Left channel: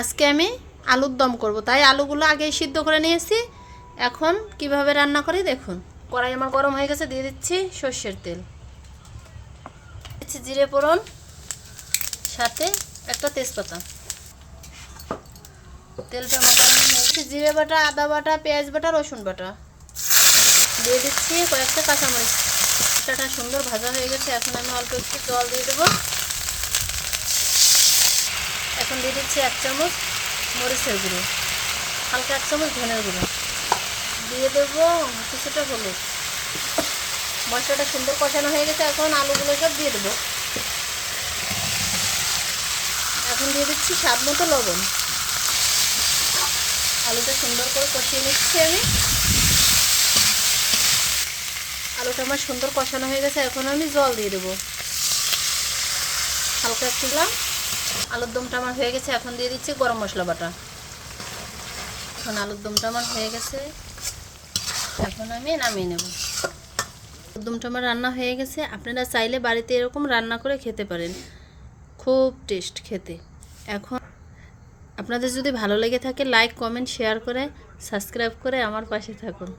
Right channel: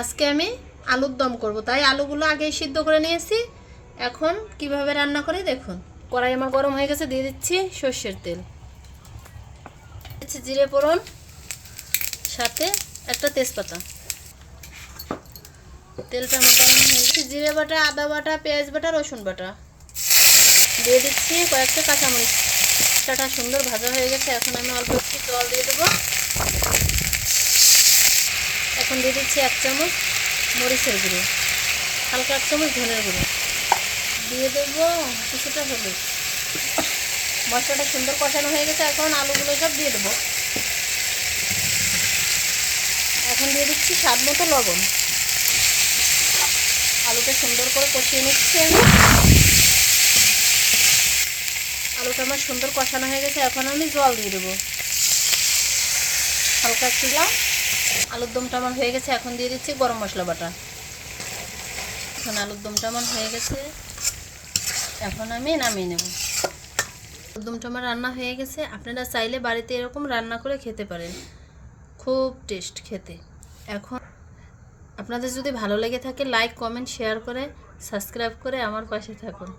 আজকে আমি আলুর দম করব, তাই আলুগুলো আগেই সিদ্ধ করে নিয়েছি। এখন কিভাবে রান্না করি দেখুন। কড়াই আমার গরম হয়ে গেছে, দিয়ে দিচ্ছি সর্ষের তেল, দিচ্ছি জিরে ফোড়ন, সাথে একটা তেজপাতা। তেলটা আমার গরম হয়ে গেছে, জিরে বাটা, আদা বাটা, পেঁয়াজ বাটা, রসুন বাটা দিয়ে দিচ্ছি, কয়েকটা কাঁচামরিচ। মশলাটা সুন্দর ভাজা হয়ে গেছে, এখন আমি অল্প একটু জল দিয়ে দেবো। এখন দিয়ে দিচ্ছি 1 চামচ মরিচের গুঁড়ো, হালকা 1 চামচ ধনের গুঁড়ো, দিয়ে দেবো কিছুটা হলুদ। মশলাটা সুন্দর কষানো হয়ে গেছে, এখন আলুগুলো সব দিয়ে দেবো। এখন দিয়ে দিচ্ছি স্বাদ মতো লবণ। আলুটা সুন্দর করে কষিয়ে নিচ্ছি আমি। আলুটা আমার সুন্দর কষানো হয়ে গেছে, এখন আমি জল দিয়ে দেবো হালকা একটু। আলুর দমটা আমার হয়ে গেছে, এখন দিয়ে দিচ্ছি গরম মশলা বাটা। এখন আলুর দমটা আমার হয়ে গেছে, এখন আমি নামিয়ে নেব। আলুর দমটা আমার রান্না হয়ে গেছে। আপনারা চাইলে বাড়িতে এরকম রান্না করে খেতে পারেন, খুব টেস্ট খেতে। এখন আপনাদের যদি ভালো লেগে থাকে লাইক, কমেন্ট, শেয়ার করে সাবস্ক্রাইব করে আমার পাশে থাকুন।